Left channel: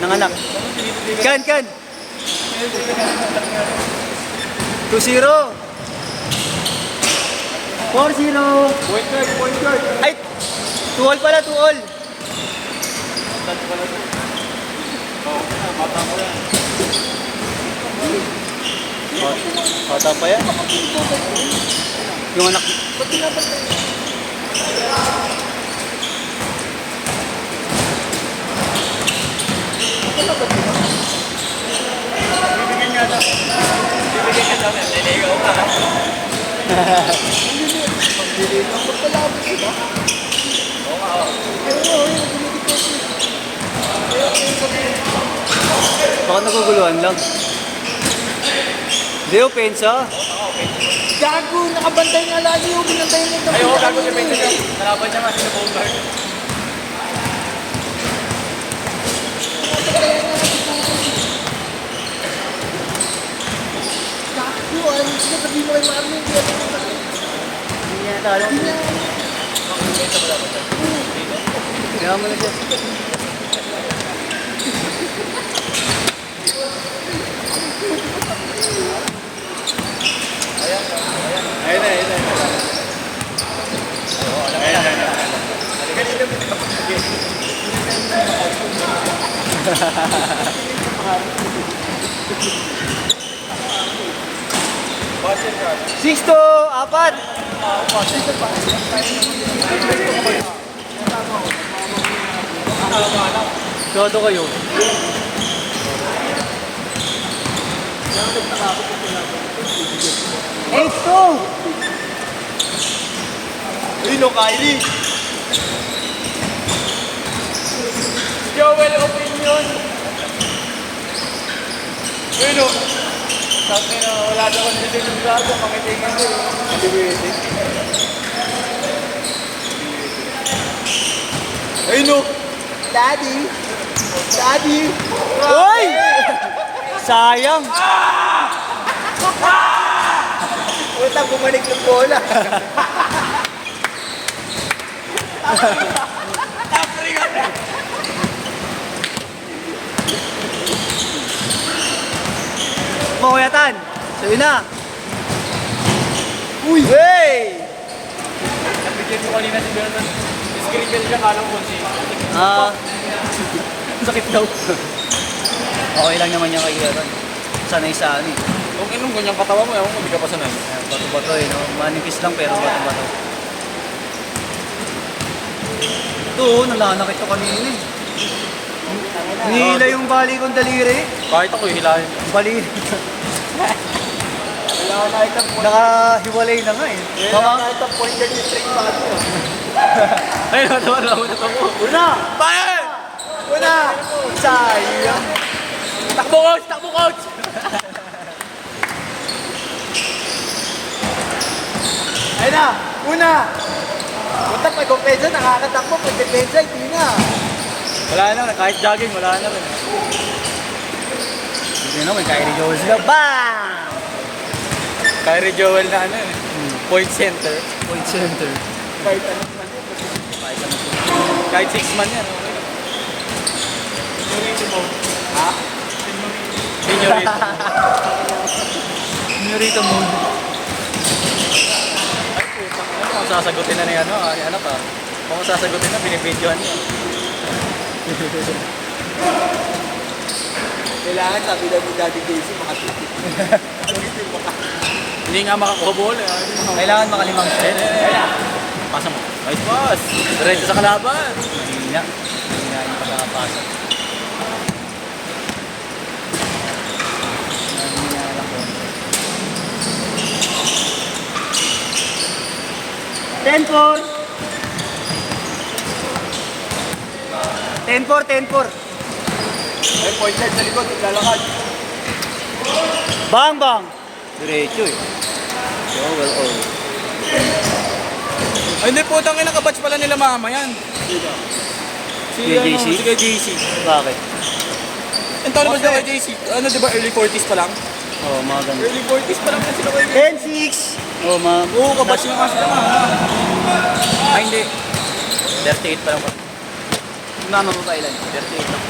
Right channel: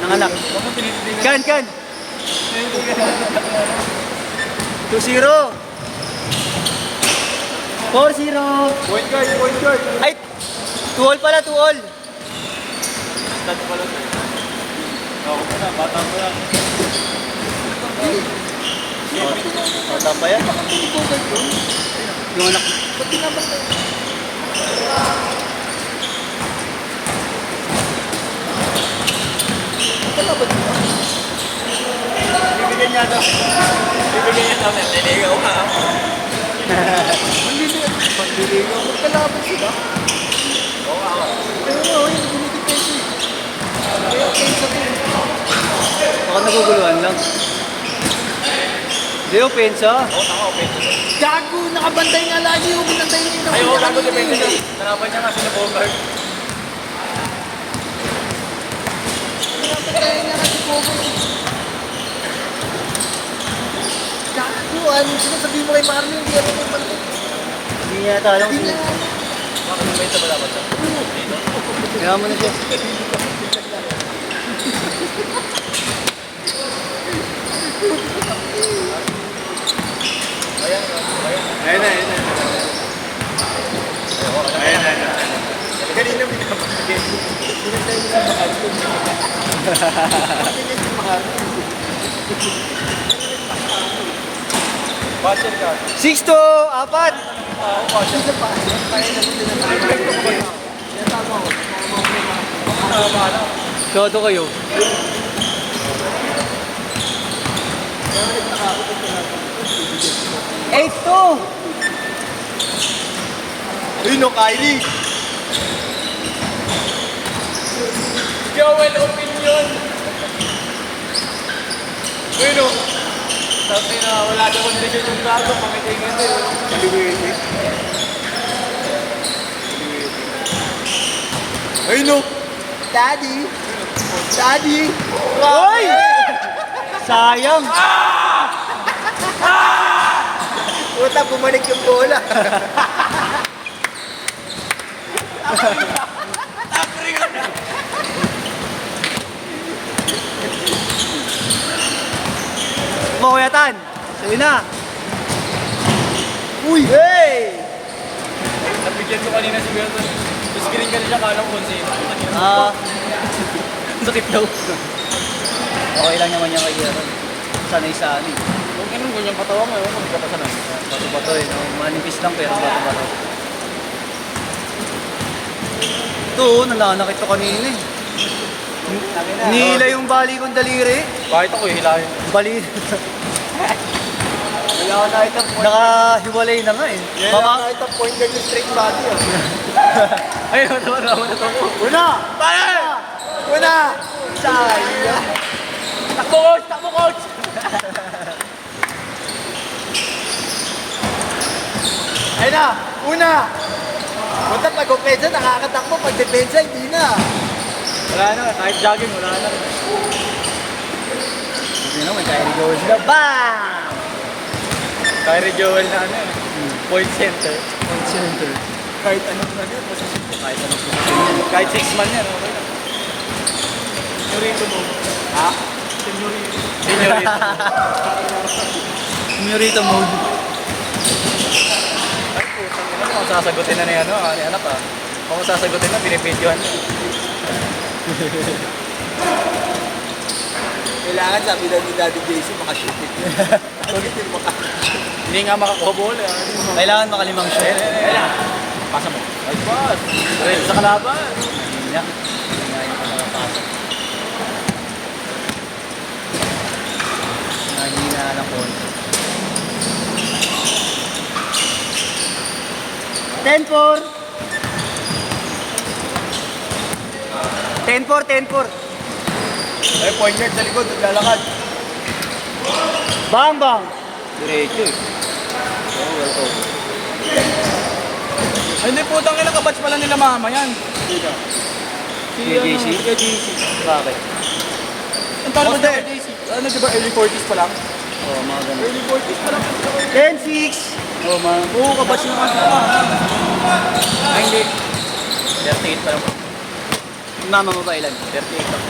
Nanganak. Kan. 2-0. 4-0. Ay, 2-all pala, 2-all. Bata pa yan. Yung anak. Bibigyan niya ito. Bibigyan niya ito. Naligaw pa. Magkalaban sila. Oo. Pero dinidipete. Baka naguguluhan lang. Hindi, opensa. Gago, nakabantay nga lagi yung binantay niya. Ay, oo, bago na ba yun? Kalaban niya nga sila Bogart. Gago, ano sila sabihin mo kay Mario, hindi ako naman. Hindi nga tayo. Hindi na. Kaya mo na siya. Ayun na. Ganito mo ito. 6-4. Todo kayo. Uy, no, Kylie. Joel Opinion. Uy, no. Sabi na wala na akong video ng gago. Pakitingan din. Uy, no. Daddy. Uy! Sayang. Puta, bumalik yung bola. Makuyatan. Sa'yo na. Uy! Hey! Nabigyan ko kanina siguro. Scrinkle siya kalang kung sino. Sakit daw. Okay lang naman niya kay Kieran. Sanay sa ano eh. Huwag mo ganyang katawa mo. Ewan mo, hindi ka pa sanay. Bato-bato eh. No? Manipis lang pero bato-bato. Ito, nalanak ito kanina eh. Nihila yung bali kong daliri. Kahit ako hilahin. Bali. Nakahiwalay na nga eh. Baka Kahit ang point guard yung straight dati. Ay, natawa na ako. Una! Bakit? Una! Sayang! Takbo coach! Ayun na! Una! Punta pag opensa, nakakatakbo. Pag depensa, hindi na. Wala na, kahit jogging, wala na. hindi naman, Kyrie Jones sila. Bam! Kyrie Joel na ano eh. Point center. Point center. Kahit ano man yun. Kahit 6 man yan, okay lang. Senyorito mo. Ha? Senyorito. Senyorito mode. Ay, putang ina. Kung sasagutin na ni ano, ni anak ah. Kung sasagutin na, binibidyohan niya. Kailangan sabi daw ni Daddy JC makashoot. Bakit hindi maka... Hindi nga makakuha bola. Kailangan makalimang shot. Ayun. Pasa mo. Nice pass. Diretso sa kalaban. Hindi nga. Hindi nga yung pagkakapasok. Hindi na alam ko. 10-4. 10-4. May point guard sa likod, lalakad. Bang bang. Diretso eh. Ay, hindi putang ina kabatch pala nila mama yan. Si Kay JC? Si kay JC. Bakit? Ito naman daw kay JC. Ano diba early 40s pa lang? Oo, mga ganun. Early 40s pa lang sila kay 10-6. Oo, mga Oo, kabatch naman sila mama. Ay, hindi. 38 pa lang. Mga ano ba ilan? 38 lang.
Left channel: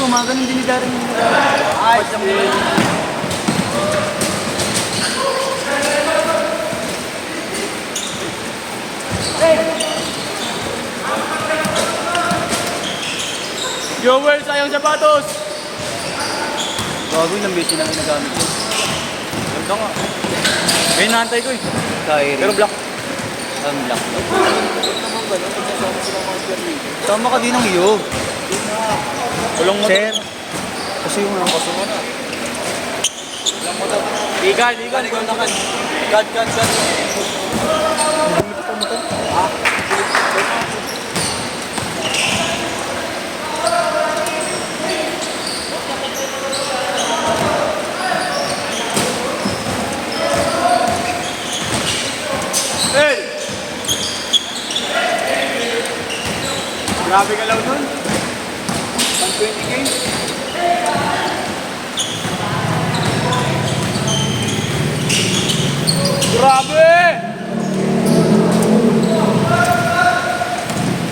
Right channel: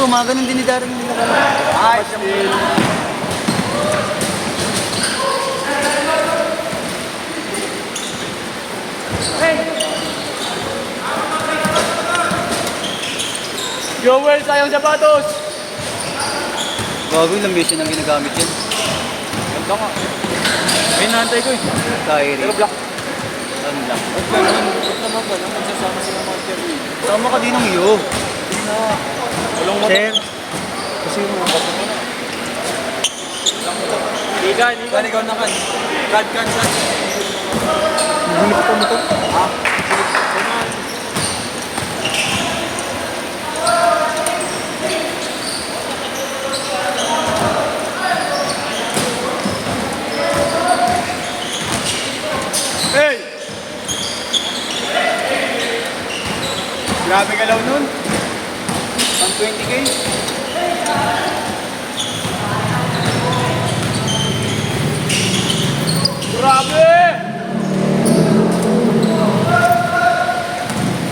Oo, mga ganun din ni Darren. Kapag siyang Joel, sayang sapatos! Bago lang beses ang ginagamit yan. Ganda nga. May naantay ko eh. Kyrie. Pero black. Ang black. Tama ka din ng iyo. Ulong mo. Sir. Kasi mo ang kasi. Ikan, ikaw na kan. God. Hindi ko pa motor. Hey! Grabe ka lang nun. Ang 20K. Grabe!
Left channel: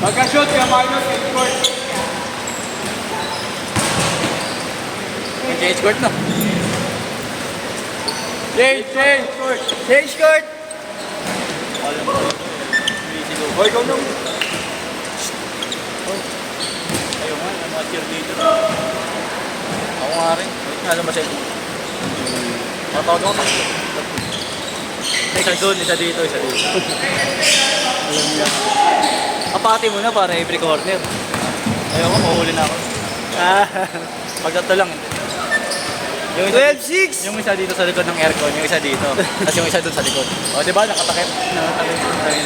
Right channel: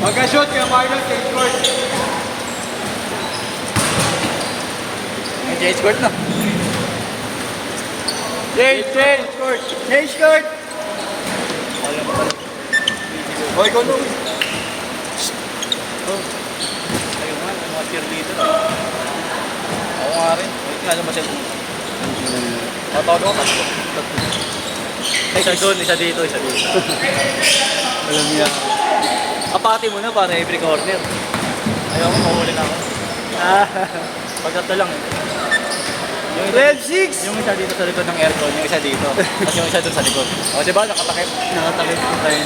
Magka-shoot ka, minus 8 court. May change court na. Change! Change card! Alam mo. Hoy, ikaw nun. Ayun nga, ang mga cheerleader. Ako nga rin. Wait nga naman siya. Tatawag ako tatlo. Isa doon, isa dito, isa dito. Alam mo yan. Kapati mo na para every corner. Ayaw ko, mahuli na ako. Pag ito lang. Yung isa, 12-6! yung isa dito sa likod ng aircon, yung isa dito. Kasi yung isa doon sa likod. O, diba? Nakatakip. Nakatalit ko tayo.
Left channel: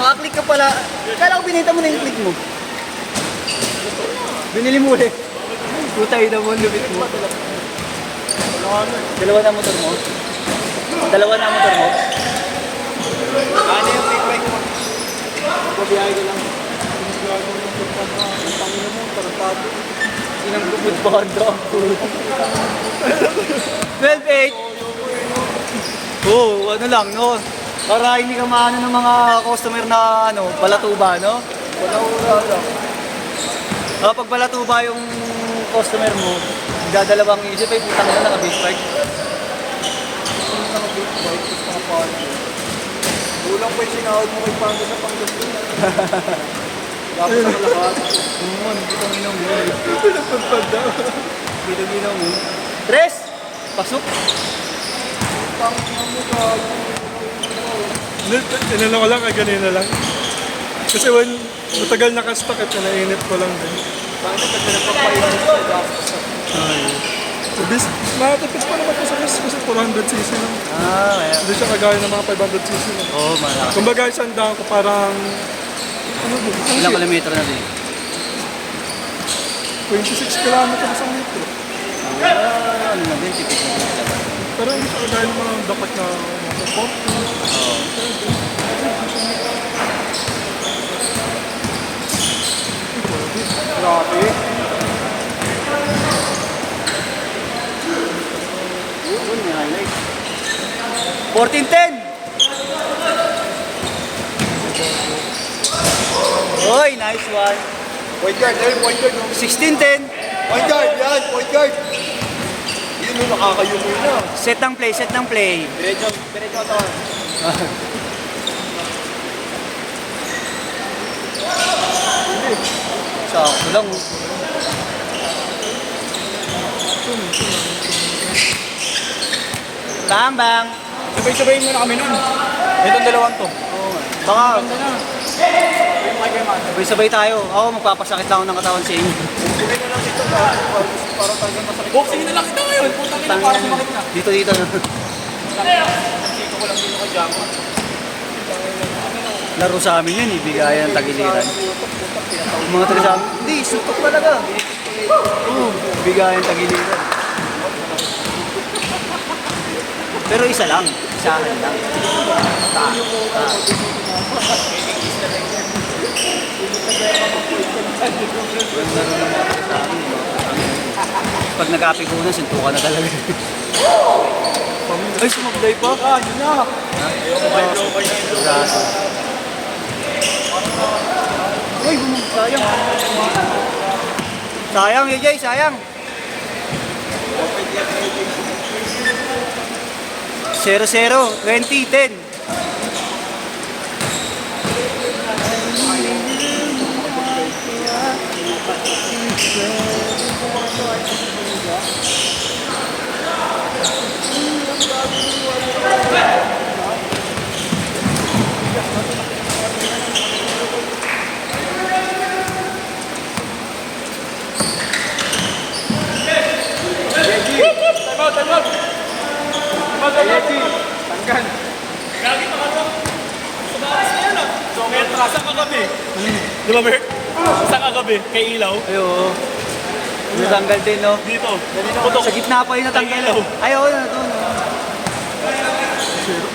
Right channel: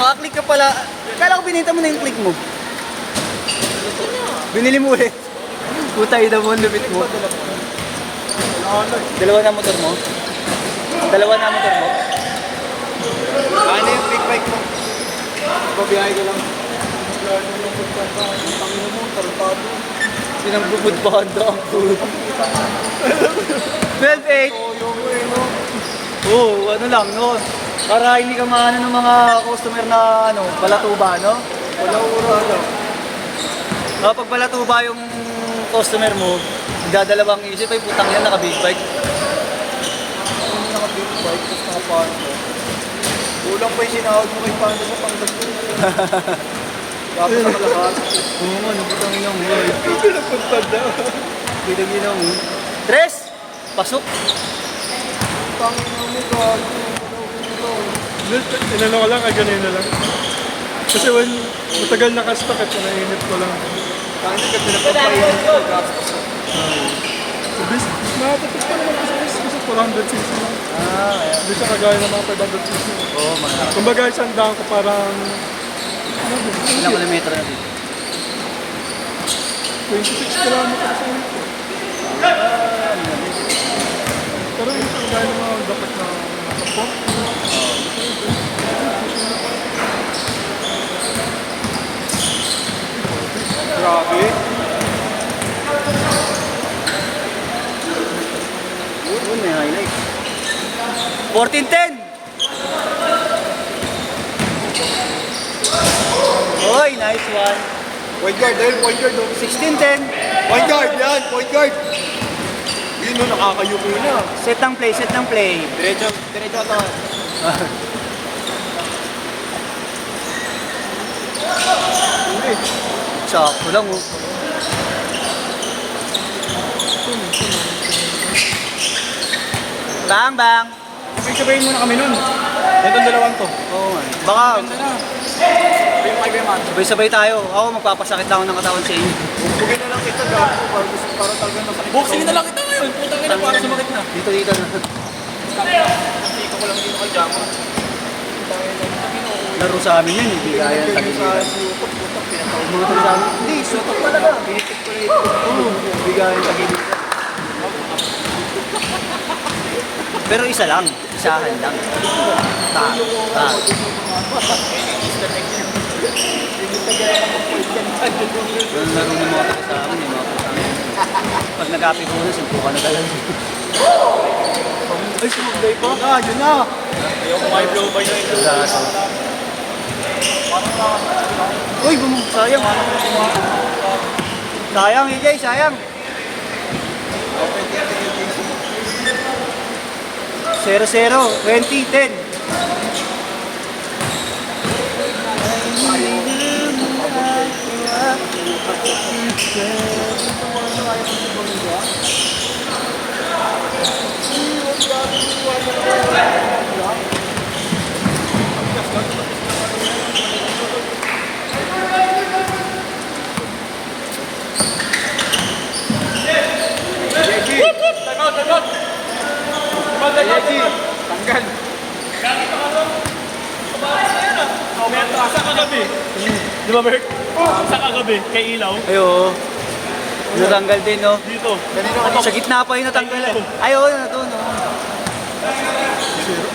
Maka-click ka pala. Kala ko binita mo na yung click mo. Binili mo ulit. Putay na mo, lupit mo. Dalawa na motor mo? Dalawa na motor mo? Ano yung take bike mo? Pabiyahe ko lang. Sinambubod pa handa ang pulo. 12-8. Oo, ano lang, no? Para hindi ka maano ng mga customer na ano, balatuba, no? Wala ura lang. Pag balatuba yung customer mo, dadalawang isip, ay putang yan, naka-big bike. Naka-big bike, tapos naka-parko. Kulang pa yung sinahod mo kay Pando sa Pangasinan. Dapat sa lahat. Oo, hindi kang inang mo. Pinagpagpag daw. Hindi kang inang mo. Tres! Pasok! Inano ko lang, ganun na lang. Kasi when matagal nakastock at nainit ko lang. Bakit ka pinagpapahingan sa gastos? Bis, matapos pa naman kasi 400cc. Hindi siya kagaya ng mga 500cc. Oo, mga. Kumbaga isang daan ko parang Ilang kilometro na din? 26 kilometers sa litro. Ano na din, tipid. Pero hindi kagaya ng mga dapat na Grabe. Yun, may highlight. 14-10! Oy, nice one. Point guard, point guard. 16-10. Point guard, yan, point guard. Yun no, nakakayumi na. Set ng play, set ng play. Diretso to. Sakto lang oh. Bang! Sabay-sabayin muna kami nun. Itong dalawang to. Oh, baka sabay-sabay tayo. Ako magpapasakit lang ako ng katawan sa inyo. Bigay na lang ito para talagang masakit. Boxing na lang kita ngayon. Putang ina, para sinalik na. Dito. Laro sa amin yun, bigayan ang tagiliran. Mga taga sa amin, hindi, sutok talaga. Bigayan ang tagiliran. Pero isa lang, isa lang. Pag nag-apipunan, suntukan na talaga. Ay, sumublay po. Yun na. May blow by Uy, sayang. Sayang, EJ, sayang. 0-0, 20-10. Di ba, Bert? Saan kagabi? Kay Ilaw? Ayo. Natanggal din, no? Dito. Sa gitna pa yung natanggal. Ay, oo, ito. Zero.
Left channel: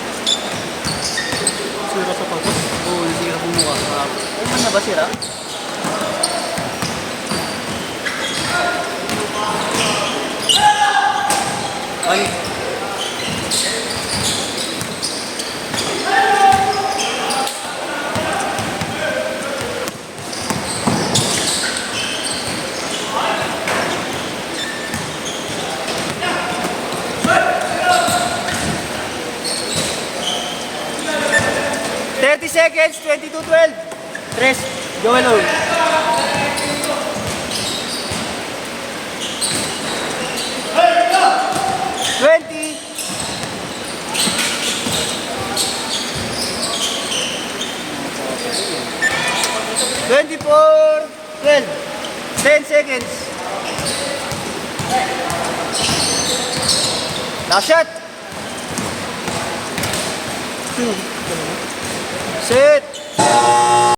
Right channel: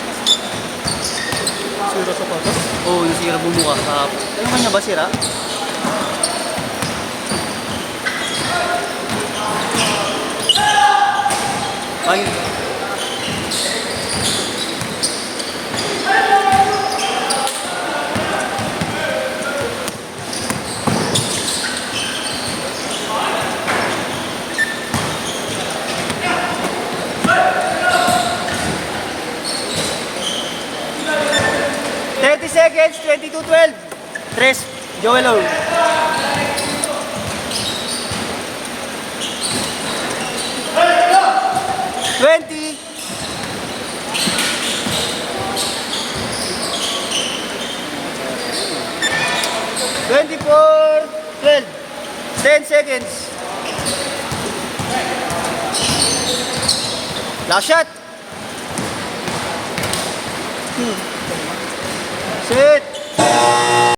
Zero sa patas. Oo, yung sira bumukas. Ay, hindi na ba sira? Ay. Seconds, 22-12. Tres, Joel Owl. Twenty. $24, 12. 10 seconds. Last shot. Two. Sit.